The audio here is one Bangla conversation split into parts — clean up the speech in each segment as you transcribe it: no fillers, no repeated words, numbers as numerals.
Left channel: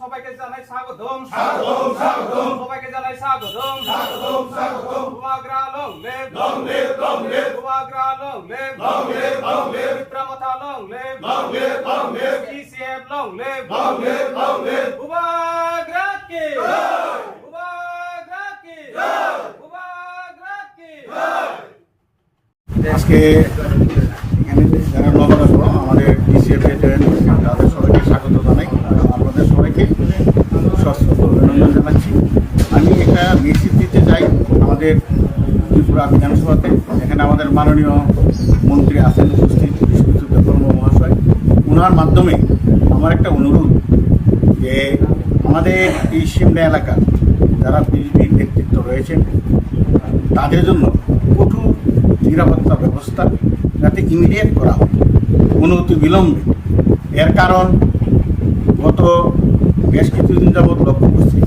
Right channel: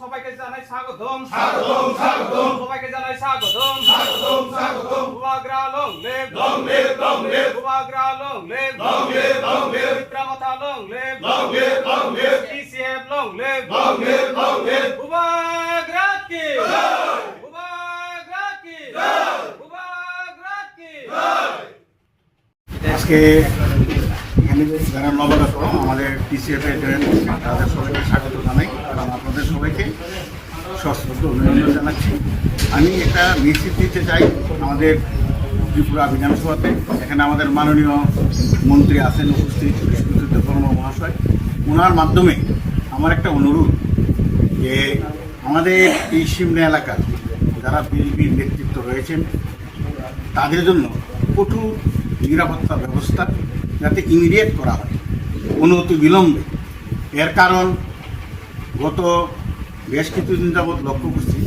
সবাইকে জানাই স্বাগতম স্বাগতম স্বাগতম সবাইকে জানাই স্বাগতম স্বাগতম স্বাগতম উবাগ্রা লং লেভ উবাগ্রা লং লেভ বিক্রমতা long live PCF long live উবাগ্রা কি উবাগ্রা কি উবাগ্রা কি। আজকে আমাদের ডিসিএফের তাদের সবাইকে স্বাগত জানাই এবং আপনাদের সবাইকে সশস্ত্র অভিনন্দন জানাচ্ছি। আমি একটা মেসেজ দিতে চাই আমাদের ত্রিপুরা বিধানসভাতে। এখানে আমাদের মাননীয় মন্ত্রী আছেন উপস্থিত, বিশ্বজিৎ দেববর্মা মহাশয়। ওনার মাধ্যমে আমার একটা অনুরোধ যে আমাদের এই সিমলা এলাকার যারা বিজেপির নেতৃত্ব রয়েছেন তাদের জন্য কঠোর নিরাপত্তা ব্যবস্থা যাতে ইমিডিয়েট করা হয়, অনুমতি বিলম্বে। এর কারণ গত বেশ কিছুদিন যাবৎ লক্ষ্য করছি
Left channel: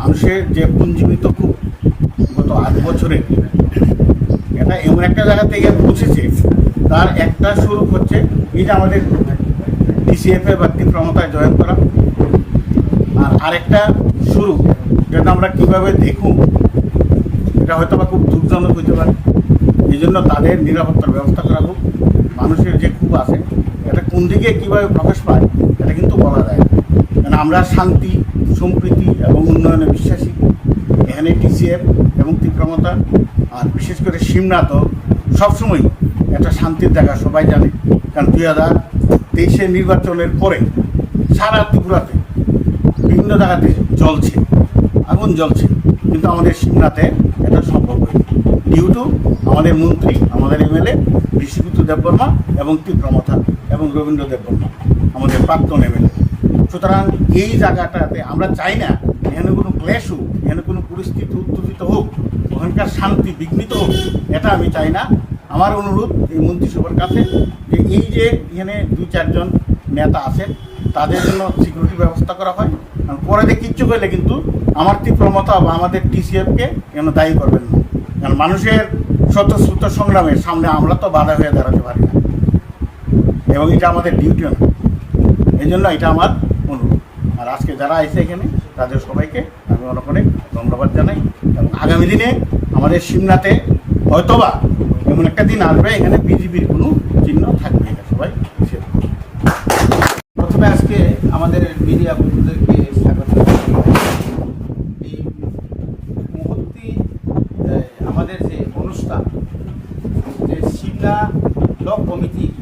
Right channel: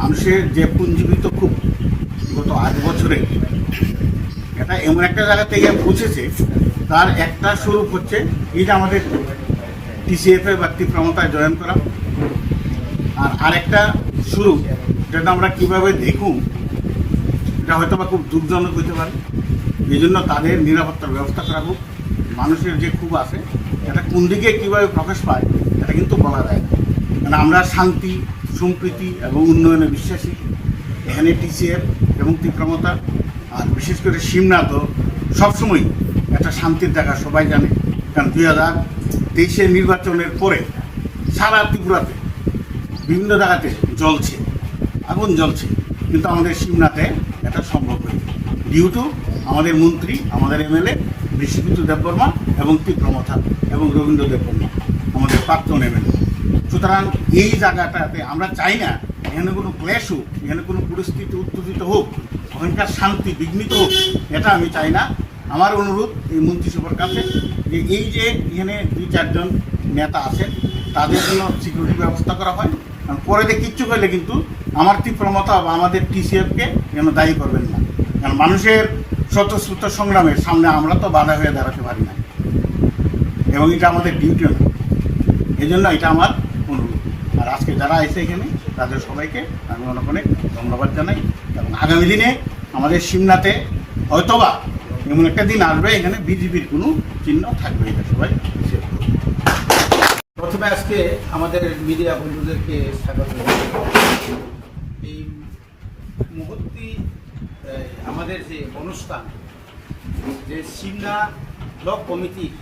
মানুষের যে পুঞ্জীবিত খুব গত 8 বছরে এটা এমন একটা জায়গা থেকে পৌঁছেছে, তার একটা স্বরূপ হচ্ছে এটা আমাদের ডিসিএফে বা তীব্রমতায় জয়েন করা, আর আরেকটা স্বরূপ যেটা আমরা কীভাবে দেখুন এটা হয়তো বা খুব দুঃখজনক হইতে পারে। এই জন্য তাদের নিরাপত্তার ব্যবস্থা করা হোক। মানুষের যে ক্ষোভ আছে এটা কোন দিকে কীভাবে প্রকাশ পায় এটা কিন্তু বলা যায় না, কারণ আমরা শান্তি সম্প্রীতি এবং উন্নয়নে বিশ্বাসী। এখানে টিসিএফ এবং তীব্রমতা আর বিশেষ করে সিমনা তো সবসময় একটা শান্তির জায়গা, সবাই জানে। কারণ 2023 নির্বাচনের পরে সারা ত্রিপুরাতে বিভিন্ন জায়গাতে জ্বলছে, আগুন জ্বলছে, কিন্তু আমাদের সিমনাতে এটা সম্ভব হয় ডিউ টু আমাদের মন্ত্রী, আমাদের এমএলএ বিশ্বজিৎ দেববর্মা এবং তীব্রমতা এবং রবীন্দ্র দেববর্মা আমাদের প্রাক্তন এমএলএ। সুতরাং এই জায়গাটাতে আমরা চাই না এখানে কোনো ক্লেশ হোক, এখানে কোনো পরিস্থিতি উত্তেজিত হোক, ওখানকার শান্তি বিঘ্নিত হোক, এটা আমি চাই না। আমার অনুরোধ এই মন্ত্রিসভার কাছে যে এই যে এখানে 2-4 জন নেতা আছেন তাদের জন্য সিকিউরিটি ব্যবস্থা করা হয়। কারণ পরে কিচ্ছু করলে কিন্তু আমার তীব্রমতা বা আমাদের টিসিএফকে যেন দায়ী করবেন না, কারণ মানুষের স্বতঃস্ফূর্ত সংগ্রামের সামনে আমরা তো বাধা হয়ে দাঁড়াতে পারি না এবং এটা আমাদের ডিউটিও না। এই জন্য এটা আমার অনুরোধ। আর আজকে যারা এসে এখানে তাদের সবাইকে আমি অনেক অনেক ধন্যবাদ জানাই এবং আগামী দিনে আমাদের সিমনাতে হয়তোবা এমন একটা দিন আসবে এখানে বিজেপির কোনো চিহ্ন থাকবে, এটা সবাই হিসেব। প্রথমে আজকে আমাদের মিডিয়া বন্ধুদেরকে স্বাগত। এই মুহূর্তে আমাদের যে অনুষ্ঠান, যে সিমলা ব্লক কমিটির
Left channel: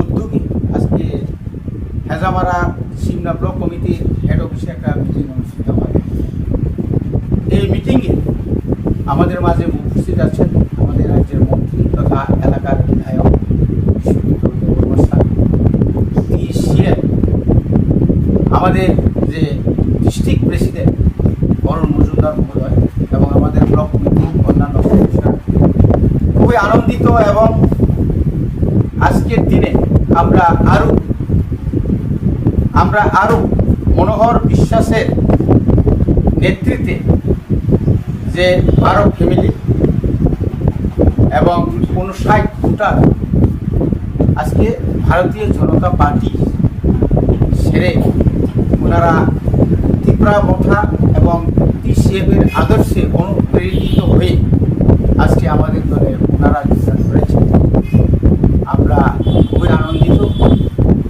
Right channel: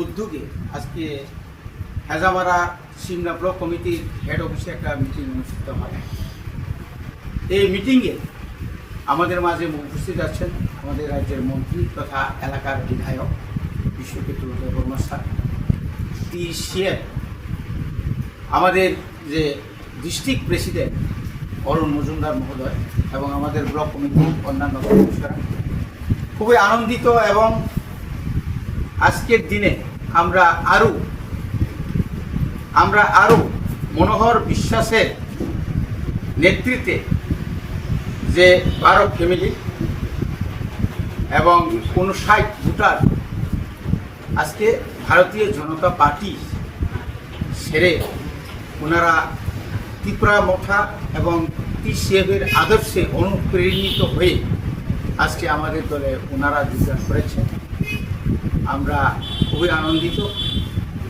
উদ্যোগে আজকে হেজামারা সিমলা ব্লক কমিটির হেড অফিসে একটা মিটিং অনুষ্ঠিত হয়। এই মিটিংয়ে আমাদের মাঝে উপস্থিত আছেন আমাদের রাজ্যের মন্ত্রী তথা এলাকার বিধায়ক বিশ্বজিৎ দেববর্মা স্যার, সিএম, আমাদের যে ডিস্ট্রিক্ট প্রেসিডেন্ট অরুণ মজুমদার মহোদয় এবং আমাদের ব্লক কমিটির অন্যান্য সদস্যরা। খুবই আনন্দিত এবং আজকের দিনে আমরা আরও মনোহর বিশ্বাসের নেতৃত্বে যে 12 ফ্যামিলি এবং 59 ভোটার আজকে ভারতীয় জনতা পার্টি ছেড়ে ওনারা তীব্রমতা এবং টিসিএফের আদর্শে অনুপ্রেরিত হয়ে আজকে আমাদের দলে ওনারা যোগদান করেছেন। আমরা খুবই আনন্দিত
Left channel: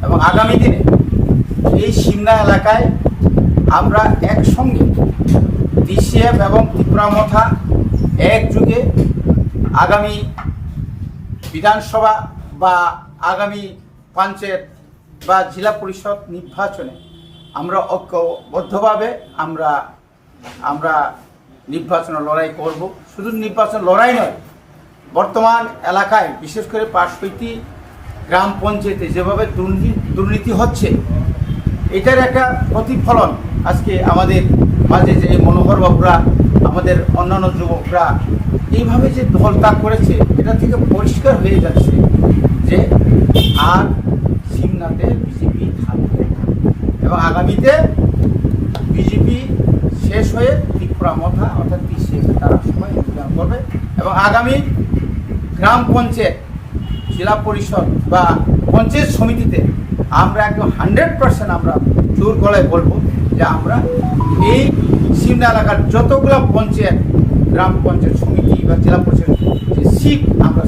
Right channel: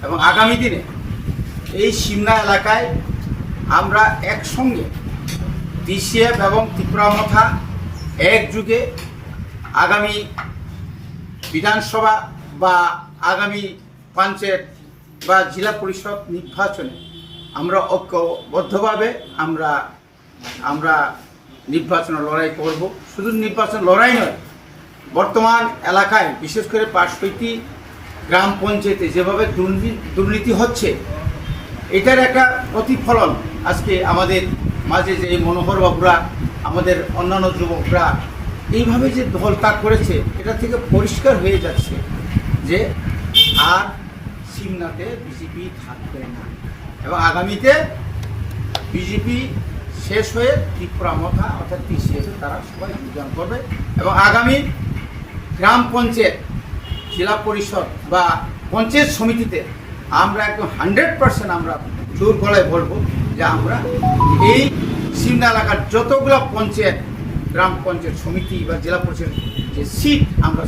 এবং আগামী দিনে এই সিমলা এলাকায় আমরা একসঙ্গে টিসিএফ এবং তীব্রমতা একযুগে আগামী বিধানসভা বা আগামী পঞ্চায়েত বা জেলা পরিষদ নির্বাচনে আমরা ঐক্যবদ্ধভাবে আমরা নির্বাচন লড়াই করব। শুধু নির্বাচন লড়াই নয়, বর্তমান এলাকায় বিশেষ করে 65টি গ্রাম পঞ্চায়েতে যেভাবে দুর্নীতি হচ্ছে, এটার একটা প্রতিফলন আজকে আমাদের মাঝে যে মনোহর বাবুরা, আমাদের অন্যান্য যুবকরা এইভাবে যে দল ত্যাগ করেছে, এটা থেকে পরিষ্কার হয়ে যাচ্ছে যে আর সিমনাতে বিজেপি থাকবে না এবং আগামীতে বিজেপি শেষ হয়ে তীব্রমতা অর্থাৎ টিসিএফ তারা সবাই যোগদান করবে এবং আগামী গ্রাম পঞ্চায়েত জেলা পরিষদ বা পঞ্চায়েত সমিতিতে আমরা একদম 100% আমরা জোর গলায় বলবো যে আমরা এই সিমনা এলাকার যতগুলো পঞ্চায়েত, গ্রাম পঞ্চায়েত সমিতি বা জেলা পরিষদ যে সিট আমরা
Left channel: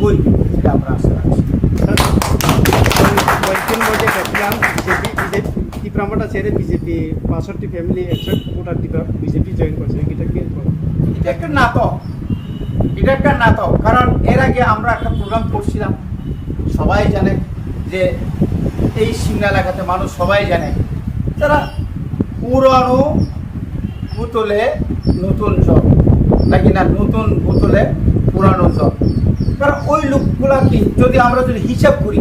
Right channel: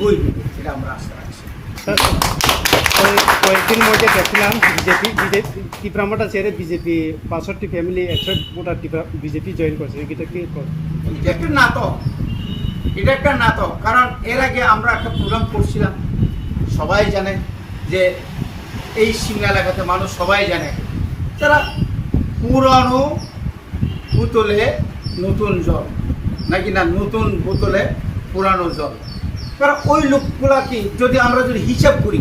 বই সেটা আমরা আশা রাখছি। কয়েকদিন মধ্যে দেখলাম বিজেপি টিপ্রামাটা ছেড়ে বিজেপি 65টি ফ্যামিলি 61 ভোটার বিজেপি জয়েন করছে, এটা কি এটা একটা নাটক, এটা একটা নাটক। কারণ এর আগে আমরা একটা প্রোগ্রাম করছিলাম, সবাই জানে যে এই সিমনা এলাকাতে মানুষ সবাই জানে যারা পুরানো বোতলে নতুন জল, নাকি না নতুন বোতলে পুরানো জল। কারণ ওই লোকগুলা কি যদি আমরা যদি হিসাব করি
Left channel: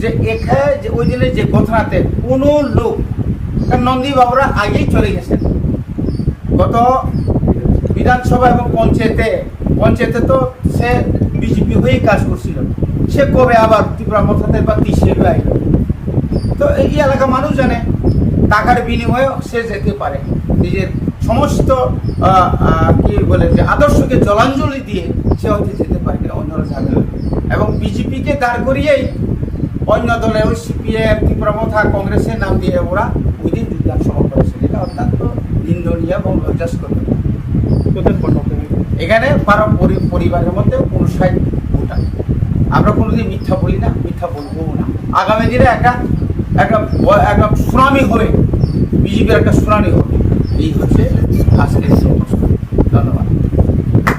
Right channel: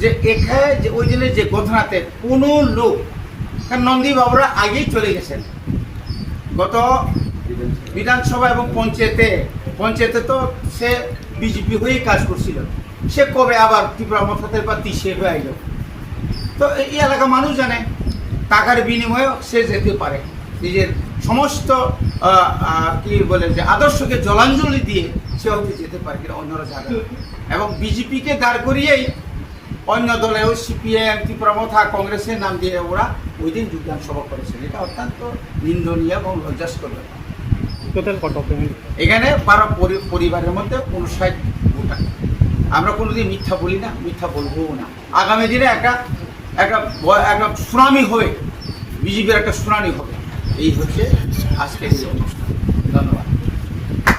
যে এখানে যে ওই দিনের যে ঘটনাতে কোনো লোক, নন্দী বাবুরা আগেই চলে গেছেন গত বিধানসভা এবং পঞ্চায়েতে তো সে বিজেপি হয়েই কাজ করছিল, সে কবে আবার ত্রিপুরা মথাতের বা হিসেবে আইল। তো এই এলাকা মানুষ জানে টাকার বিনিময়ে সে যেতে পারে, নিজের সমস্ত কি বলে যে আদর্শকে জলাঞ্জলি দিয়ে সে হয়তো যেতে পারে, কিনা অন্যরা জানে। এবং বিজেপিকে দাঁড় করিয়েই অন্য দলে ওই সিপিএম, ত্রিপুরা মথা, কংগ্রেসের নাম দিয়ে ওরা ওই দিন যোগদান সভা করেছে। এটা অত্যন্ত নিন্দনীয় এবং লজ্জাস্কর। এখানে পরিবারের মধ্যে 59 ভোটার। আমরা কোনোদিন মিথ্যা বলি না, মিথ্যা বলবো না। আগামী দিনে একটা সুনামি হবে, বিজেপির একটা সুনামি হবে, এই হচ্ছে আসলে। ধন্যবাদ।